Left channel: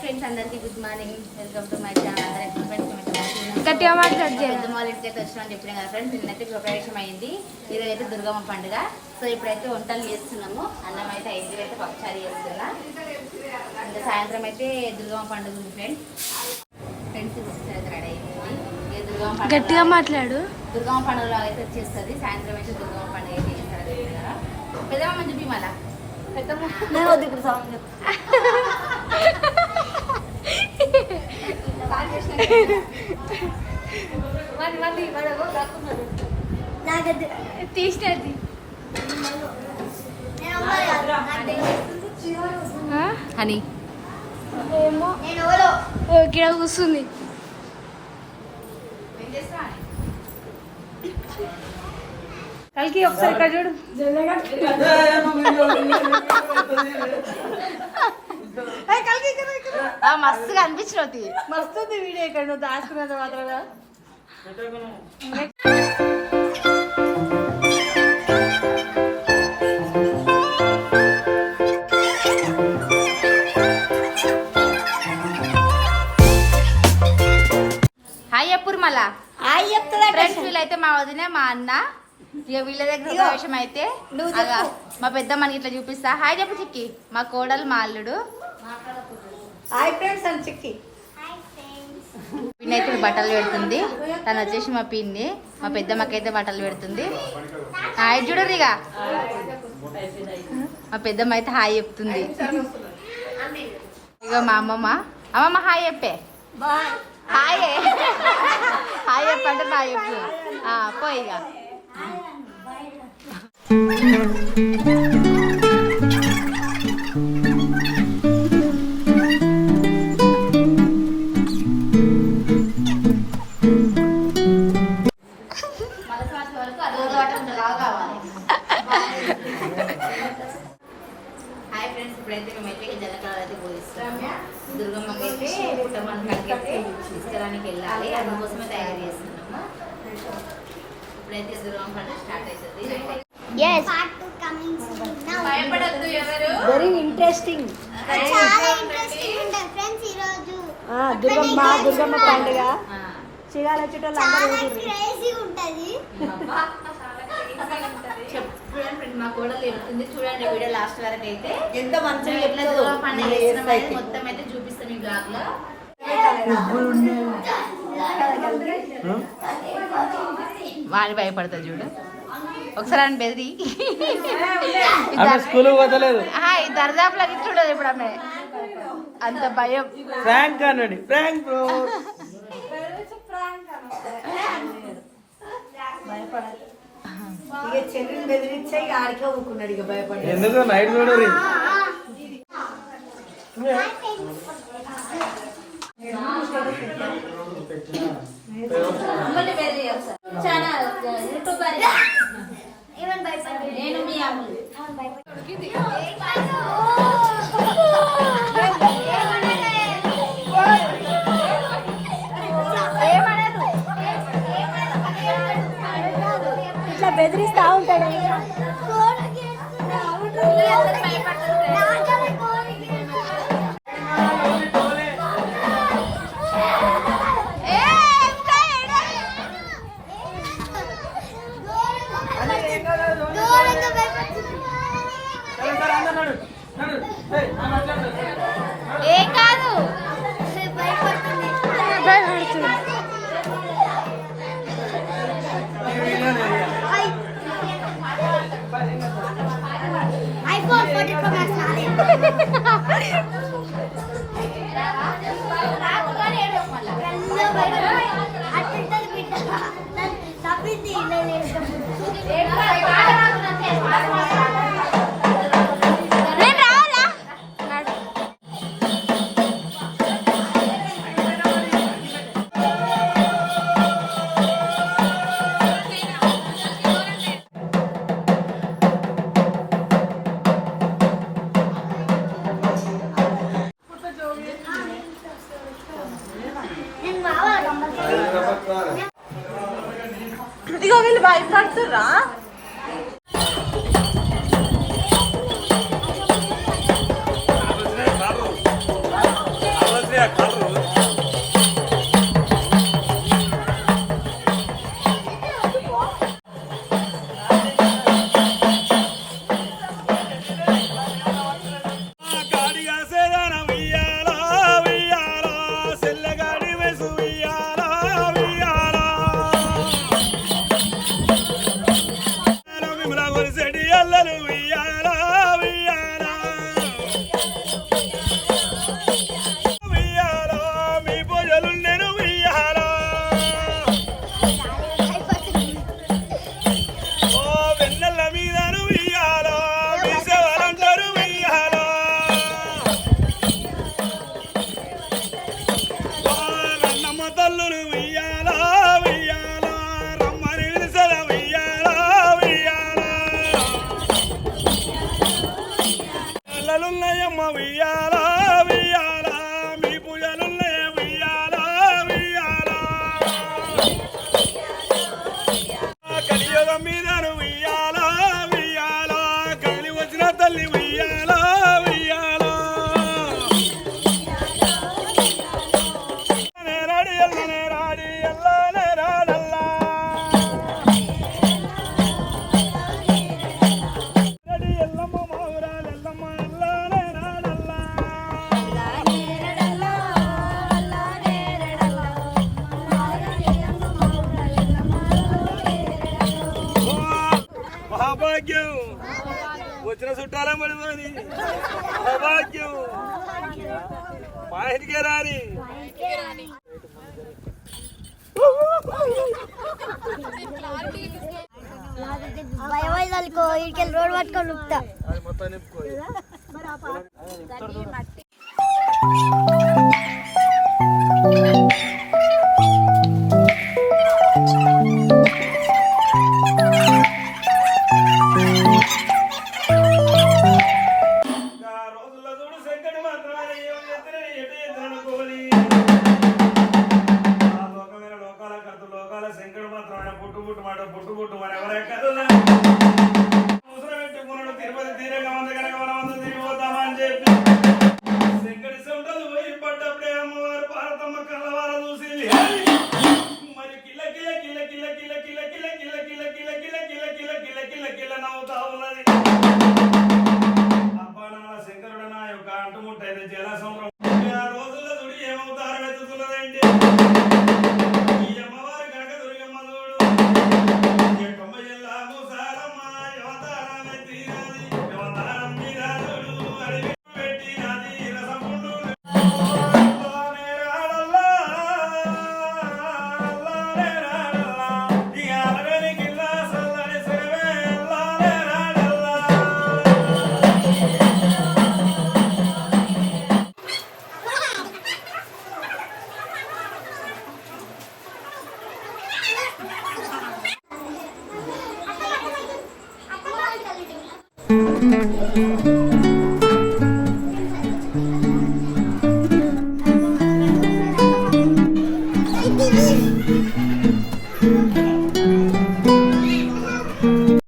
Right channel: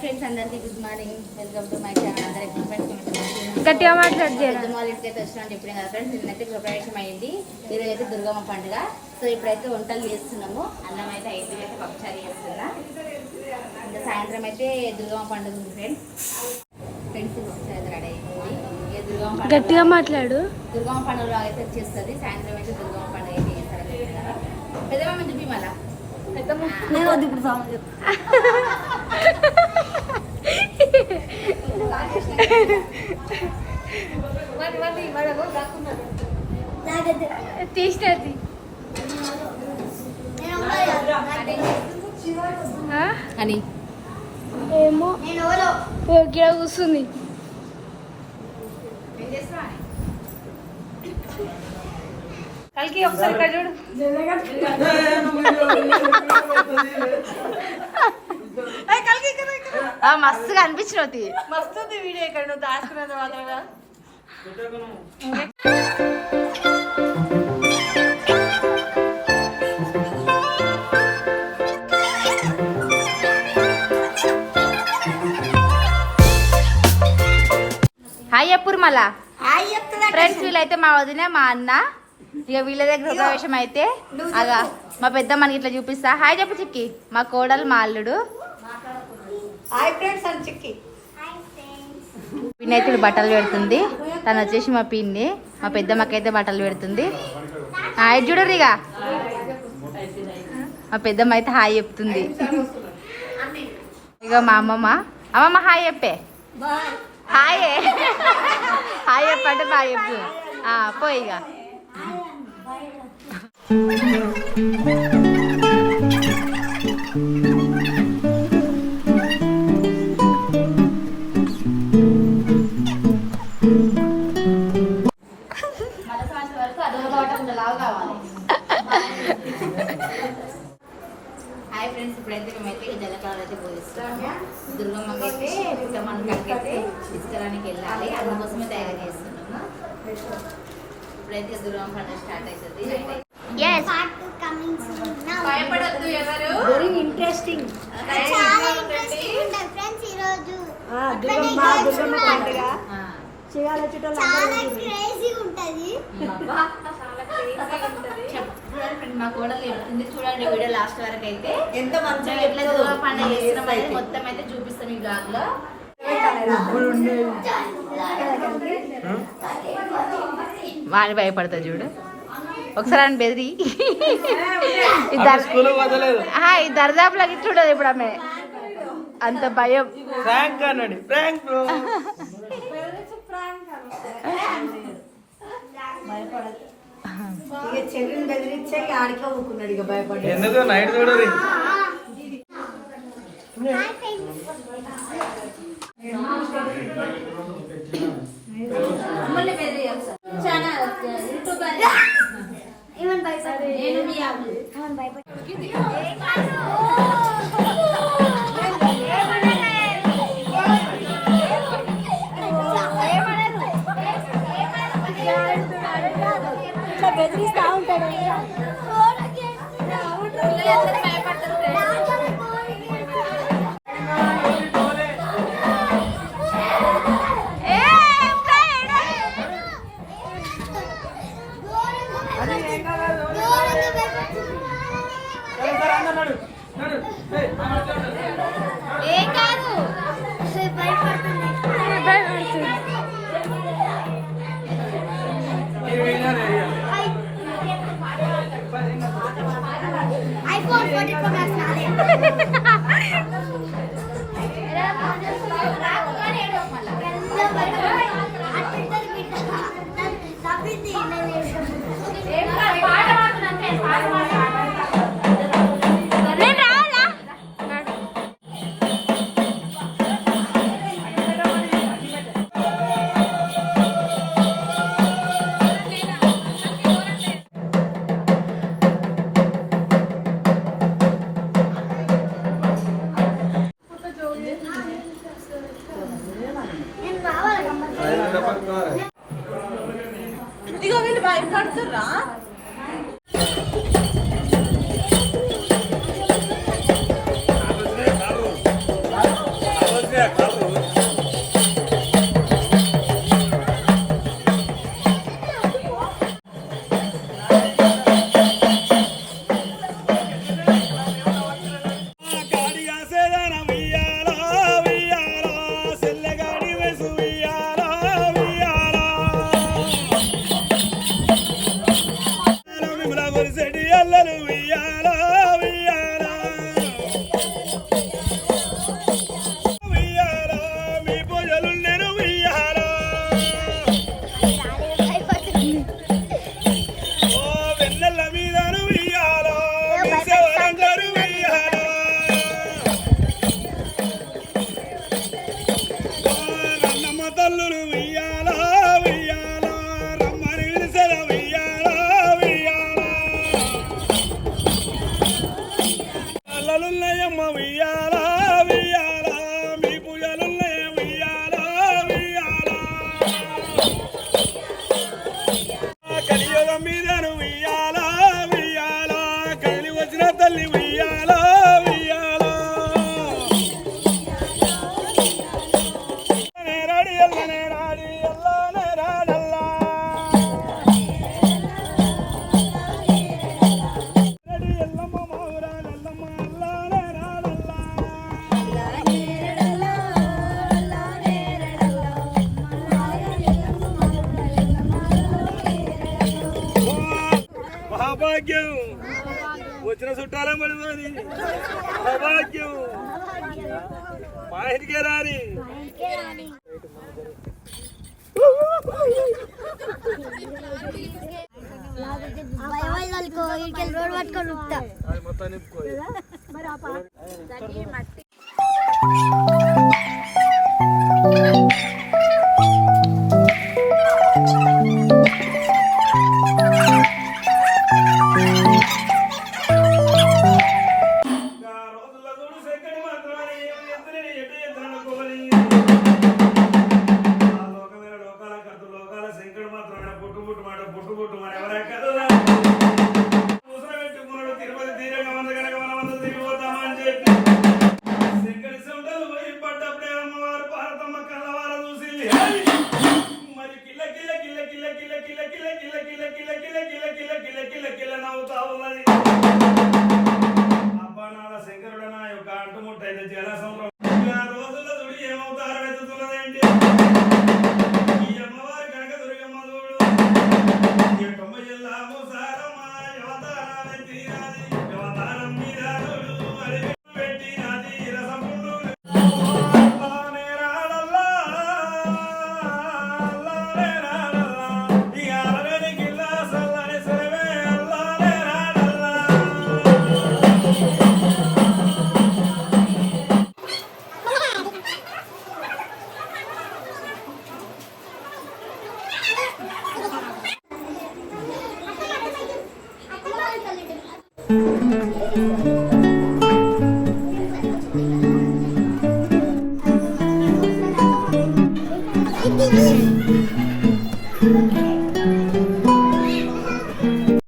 Friends అందరికీ good morning welcome to my channel అందరికీ friends గట్టిగా మాట్లాడు జర. పెద్దమ్మ వాళ్ళ ఇంటికి అయితే వచ్చినామని చెప్పిన కదా ఫ్రెండ్స్ నిన్నైతే గృహప్రవేశం అయింది. అయితే దుర్గమ్మ పండుగ. సో ఇప్పుడైతే వంటలు చేస్తున్నాము. అన్నం అయితే ఐదు అయితే పప్పుచారు చేస్తున్నా. ఇంకా సాయంత్రం అయితే దుర్గమ్మ పండుగ ఉంది ఫ్రెండ్స్ ఫ్రెండ్స్ పప్పుచారు అయితే రెడీ అయిపోయింది. దుర్గమ్మ గట్టిగా మాట్లాడు. దుర్గమ్మ పండుగలో అయితే వచ్చేస్తుంది. సాయంత్రం అయితే దుర్గమ్మ పండుగ అయితే చేస్తారు కదా. పెద్దమ్మ చెప్పి మళ్ళా. పెద్దమ్మ. ఇప్పుడు సాంగ్ తీసినది. అని. ఏమో. ఇక్కడ కూర్చుంది కలికి ఒకసారి చూడు. మస్తుగా అనిపించినవుతి మస్తుంది వీడియో ఇక్కడ నువ్వు దాచుకున్నది మాత్రమే హాయ్ చెప్పురు మళ్ళా ఫ్రెండ్స్ వీళ్ళైతే మా వదిన మా అన్న ఇక వీళ్ళ దగ్గర ప్రవేశం అయితే అగా మా పెద్ద మనకి ఇట్లా చూపిస్తా. హాయ్ చెప్పు చిక్కి మా కోడలు మా అల్లుడు. హాయ్ ఫ్రెండ్స్ అని చిక్కి వినాయకుడు బట్టలు పెడుతుంది. తను వచ్చేసి మా పిన్ని. మా పెద్దమ్మకైతే బట్టలు పెడుతుంది. హాయ్ చూడరు ఇక మా పెద్దమ్మ అయితే హాయ్ చెప్తుంది. ఇక మా అమ్మమ్మ. అమ్మమ్మ హాయ్ చెప్పే. హాయ్ హాయ్ చెప్పంటే బాయ్ చెప్పు. ఆ, పోయి ఇక ఇప్పుడైతే మేమైతే జలకాలు అయితే పోయిస్తాము దుర్గమ్మకి అయితే పుట్టమ్మని కడికైతే తీసుకురానికి వెళ్ళాలి. అందుకోసమే తయారు చేస్తున్నాము. ఇప్పుడైతే దుర్గమ్మ పండుగ స్టార్ట్ అవుతుంది భయపడద్దు ఎవరు? వెరీ ఇంట్రెస్టింగ్ చాలా ఇంట్రెస్టింగ్ ఉంటుంది ఫ్రెండ్స్ ఈ రోజు దుర్గమ్మ దుర్గమ్మ పండుగ. చుట్టాలు చాలా క్రేజీ ఉంటది. చెప్- చూడండి ఫ్రెండ్ మా కోడలు చెప్తుంది చూడండి వీడియో లాస్ట్ వరకు అయితే. ఎంత మంచిగా మేము ఎట్లా దుర్గమ్మ పండుగ చేస్తున్నాం అనేది మొత్తం అయితే చూపిస్తాం ఈ బ్లాగ్లో. వాడి భయపడతాడు చూడు. ఒకసారి అని బెదిరి. ఈ దర్దాపులకి చూడదు ఇప్పుడు ఆమె. అంత భయం. బ్రో. ఇక చెల్లిని బెదిరించే ఇక ఆడికే ఊకున్నాడు ఇక భయపడి. ఎందుకు? నైట్ చూడాలి చాలా భయపడి నేను మీ అమ్మ. ಮಾಡ್ತೀವಿ వీళ్ళు భయపడుతుర్రా আমার জেডি పూజలున్నాయమ్మ ఉయ్యాలా ఉయ్యాలా మీ పూజలున్నాయ ఉయ్యాలా ఉయ్యాలా కలియుగం మీదను ఉయ్యాలా ఉయ్యాలా సౌభాగ్యం వచ్చిన చుట్టాల మడిపోని సౌభాగ్యం మా ఇంటికే రాని రోడ్ పట్టుకొని మొత్తం తిరుపతి తీరంగా ఉంది కనుక మనం అందరూ తిరిగిపోతామా చెప్పి పోయి భారతమ్మ చూసింది మరి కిల్ల కిల్ల కిల్ల కిల్ల కిల్ల కిల్ల కిల్ల కిల్ల కిల్ల కిల్ల కిల్ల కిల్ల కిల్ల కిల్ల కిల్ల కిల్ల నవ్వుతా ఉన్నది అబ్బా నాన్న శంకరుడు నా యొక్క అంటుముట్టైన జలసంలో Mm-hmm.